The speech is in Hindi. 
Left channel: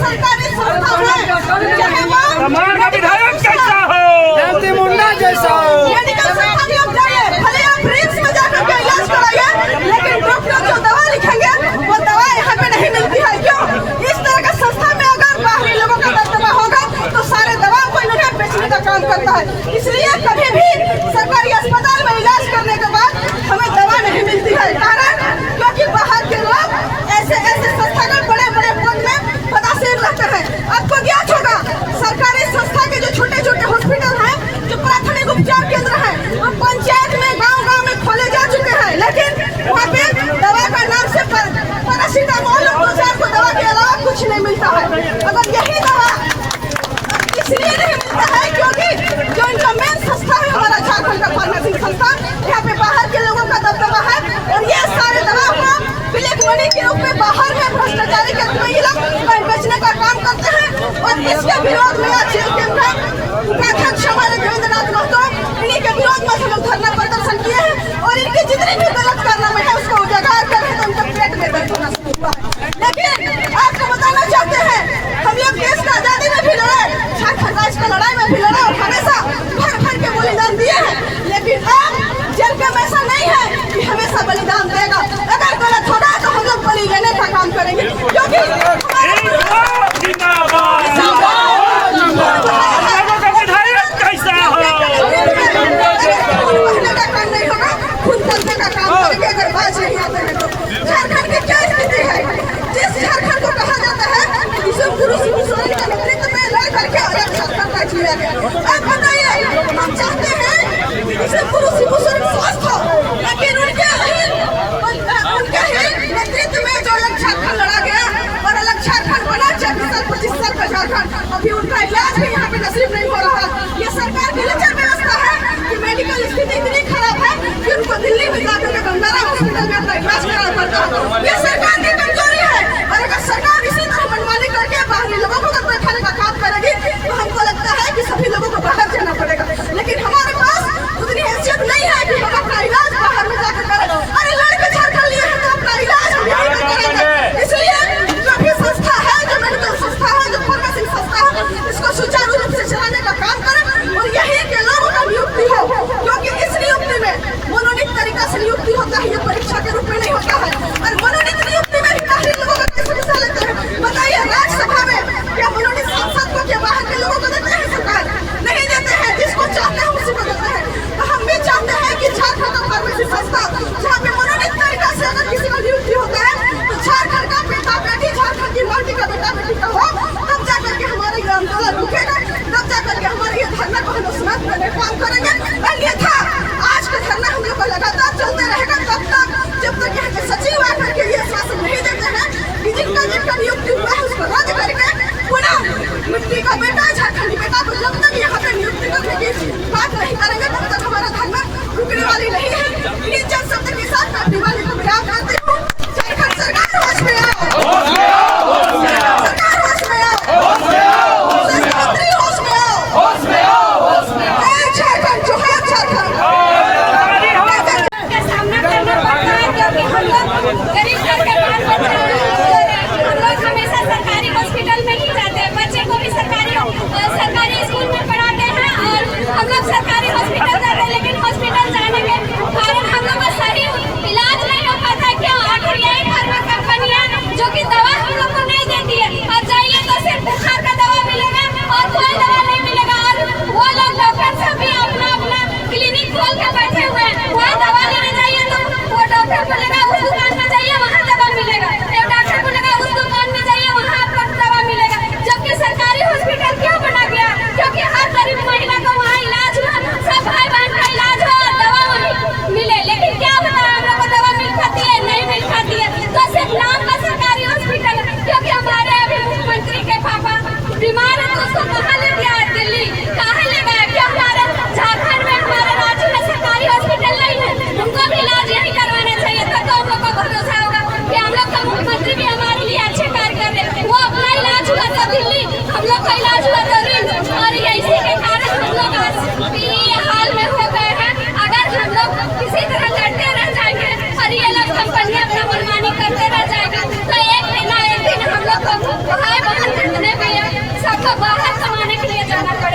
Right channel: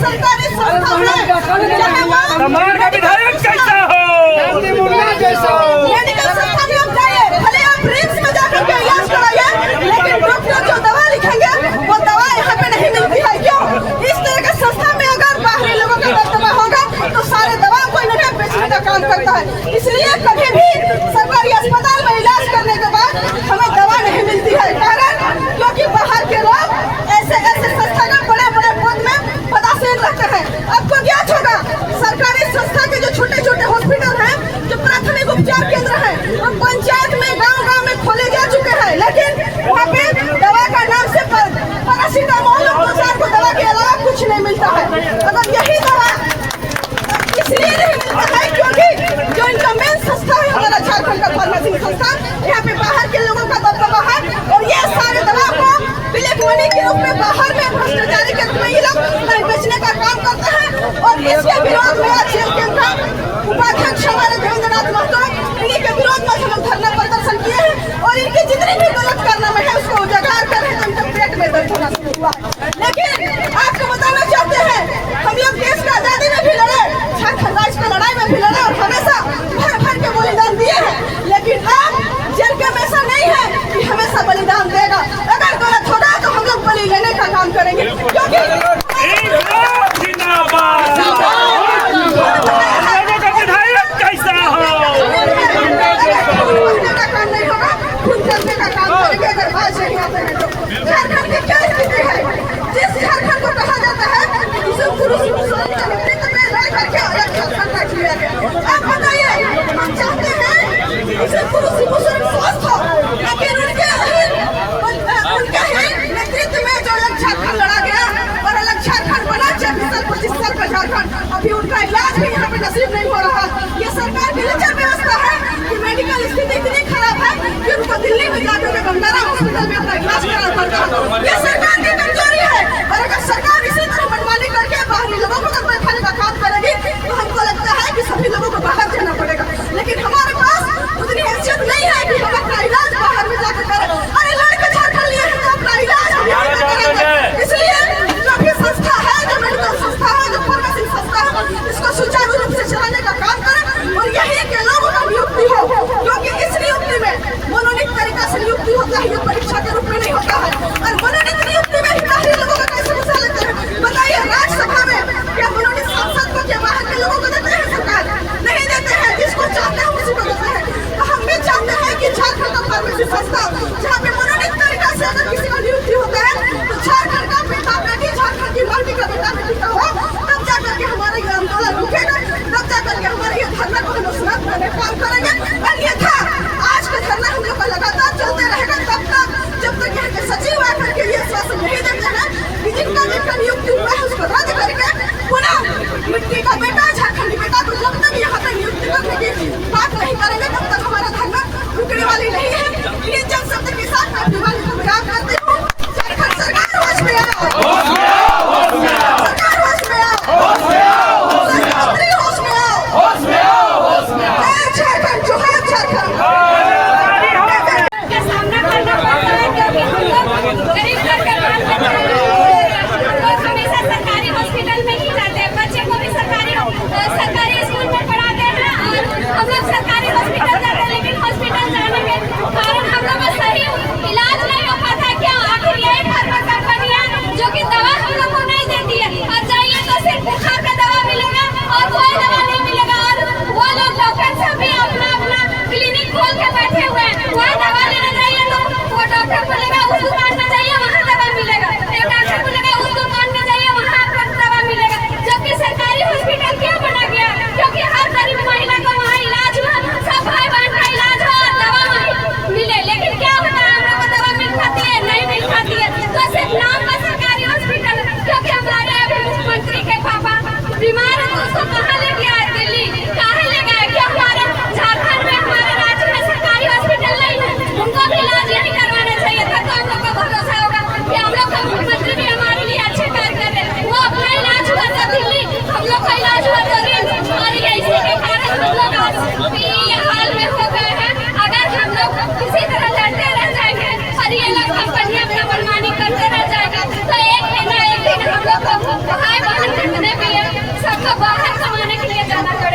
सरकारी संस्था है, चाहे वो विधायक कैसा हो, मेडिकल संस्था में आप जाइए, भले आप रिम्स में जाकर के इलाज कराइए, लेकिन डॉक्टर जो दवा लिखेंगे वो दवा यहाँ पे नहीं मिलती है। क्यों? इस तरह का संस्था में अगर बाहरी लोगों का दबदबा होगा तो सारे दवा को इन्होंने बेचने का काम करता है। इसलिए कभी भी सरकारी अस्पताल में इलाज करने के बाद हमें दवा नहीं मिलती है। कारण क्योंकि बाहर के लोग ऐसे संस्थागत बड़े बड़े पद में पदासीन रहते हैं। आपको ज्ञात होगा सरकारी संस्था के जो छोटे छोटे हॉस्पिटल हैं, जो प्राथमिक उपचार केंद्र हैं, वो पंचायत में गांव में खोले जा चुके हैं, लेकिन वहाँ पे दवा का नाम से पैरासीटामोल और को दवा के अलावा कुछ नहीं मिलता है। अगर यही दवा इसलिए नहीं मिलता है क्योंकि जो इनका मेन संस्था है हमारा झारखंड का फार्मेसी संस्था, यहाँ पे बाहर के लोगों का दबदबा है और ये सारे दवा को ब्लैक मनी के रूप में बाहर में भ्रष्टाचारी के रूप में ये लोग बेचने का काम करते हैं। और इसके विरोध में आज जेल कैंप का उपाध्यक्ष हमारे देवेंद्र नाथ महतो, इन्हीं के विरोध में हम लोग धरना प्रदर्शन किए हैं और इनकी जितनी भी गलत कारनामे है उसको उजागर कर रहे हैं, तो इनके पेट में दर्द होना शुरू हुआ है। लेकिन आपको बताना चाहते हैं हम लोग देश का आजादी में भी लड़े, झारखंड राज्य का लड़ाई में भी लड़े और हमेशा भर भर के बलिदान दिए हैं। लेकिन अब जेल कैंप ऐसा नहीं है कि हमेशा बलिदान देगा। अगर गलत होगा तो हम लोग बलि लेने का काम करेंगे, क्योंकि विधायक कैसा हो, का काम नहीं होगा, खुद करने का काम करेंगे। अगर बात नहीं आते हैं तो झारखंड की क्या स्थिति है? जिस झारखंड को कहा जाता है पुरुष मुसलमान के नेतृत्व में लड़ करके अलग झारखंड का किया गया। आप बताइए, हम चाहते हैं पुरुष मुसलमान स्वस्थ हो, लेकिन उनके नेतृत्व में जो अलग झारखंड लड़ा गया और अलग झारखंड बना 24 साल का झारखंड, अभी उनका इलाज भी यहाँ पे नसीब नहीं हो रहा। ये सरकार की लचर व्यवस्था है कि मेडिकल स्थिति इतनी खराब है कि उनको दिल्ली में जाकर के बंजारा हॉस्पिटल में अपना इलाज कराना पड़ता है। ये सरकार की कमजोरी है और अगर सरकार इसी तरह मनमानी करके बाहरी लोगों को बैठाने का काम करेगी तो हमको लगता है कि सभी लोगों को बाहर जाना पड़ेगा। लेकिन हमारे पास उतनी हैसियत नहीं है कि हम अपना इलाज बाहर में जाकर करें। अरे लड़के झारखंड लिए हैं तो अपना इलाज हम यहीं पर करेंगे। इसलिए जो भी संस्था है, जो मेडिकल संस्था है, जो फार्मेसी संस्था है, इसको सुचारू रूप से चलाने का काम करें और यही के लोगों का नियुक्ति हो, क्योंकि इस नियुक्ति में मनोनीत तरीका से नियुक्ति होता है, ये परीक्षा के रूप में नहीं होता है। और मनोनीत नियुक्ति में बाहरी लोगों का कैसे हिस्सा लेते हैं? बताइए, राज्यसभा में क्या मनोनीत सांसद को क्या बाहर के लोगों को देते हैं? सरकार नहीं देते हैं, जिसको चाहते हैं उसी को देते हैं। तो हम भी चाहते हैं कि झारखंड का फार्मेसी संस्था जहाँ पे मनोनीत तरीका से अगर किसी को नियुक्ति होता है तो झारखंड का बेटा बेटी, झारखंड की माटी का बेटा बेटी का हो, तब जाकर के हमारा ये आंदोलन रुकेगा, तब जाकर के हमारे ये धरना को हम समाप्त करने का काम करेंगे। अन्यथा आज का धरना हम लोग को लगातार चलते रहेगा तब तक जब तक यहाँ के सचिव आकर के ये आश्वासन नहीं देते हैं कि जिनका नियुक्ति हुआ है उसको रद्द करके पुनः मिट्टी का बेटा, झारखंडी बेटा, तो जब तक यहाँ पे नियुक्ति करने की बात नहीं करेंगे तब तक हमारा धरना रुकने वाली नहीं है। ये जन शब्द के साथ मैं अपनी वाली को विराम करती हूँ। झारखंड सरकार होश में आओ, सरकार होश में आओ, मुख्यमंत्री होश में आओ, झारखंड जो है झारखंड का सामना करना पड़ता है, क्योंकि हम लोग गरीब घर के बाल बच्चे हैं। हम लोग हमेशा सरकारी हॉस्पिटल में ही जाते हैं, बच्चे को भी सरकारी स्कूल में पढ़ाते हैं और हम लोग सरकारी हॉस्पिटल जाते हैं, लेकिन हॉस्पिटल जाने के कारण हम लोग का सही इलाज नहीं हो पाता। क्यों? आखिर यही फार्मा कंपनी है जो कि दवा हम लोग को नहीं देती है। और जाइए तो सिर्फ बुखार का दवा मिलेगा और कोई दवा नहीं मिलेगा। और वो लोग डॉक्टर सब भी अपना अपना क्लिनिक खोल के बैठे हुए हैं। वहाँ दवा लेने जाइए तो वो डॉक्टर बोलेगा उस दुकान में जाइए वहाँ दवा मिलेगा, एक डॉक्टर बोलेगा उस दुकान में जाइए वहाँ आपको दवा मिलेगा। जबकि सरकारी हॉस्पिटल क्यों बना गया? क्योंकि हर गरीब महिला का वहाँ इलाज हुआ, सब भाई बहन का इलाज हुआ और दवा वहीं मिले। लेकिन क्या होता है, हम लोग को दवा मिल पाती है? नहीं मिल पाती है। तो सिर्फ नाम का सरकारी हॉस्पिटल, क्योंकि हमारे अभी मुख्यमंत्री के पापा बीमार है तो उसको कहाँ ले गया है? दिल्ली कहाँ ले गया? क्या हमारे झारखंड में, हमारे राज्य में सरकारी हॉस्पिटल नहीं है? उनको भी इलाज यही करवाना चाहिए, तब तो हम लोग को भरोसा होगा कि हम लोग का मुख्यमंत्री भी हमारे लिए अच्छे कार्य कर रहे हैं। वो अपना इलाज हुआ था दिल्ली, हम लोग का इलाज हुआ था रिम्स, और इसी के कारण हम लोग आज ये हाल में हो गए हैं। अगर हम लोग किसी तरह लड़ते रह जाएंगे और ये लोग कंपनियां अपना मनमानी करते रह जाएंगे तो एक दिन ना एक दिन हम लोग को भाई बहन को बाहर कमाने के लिए जाना पड़ेगा।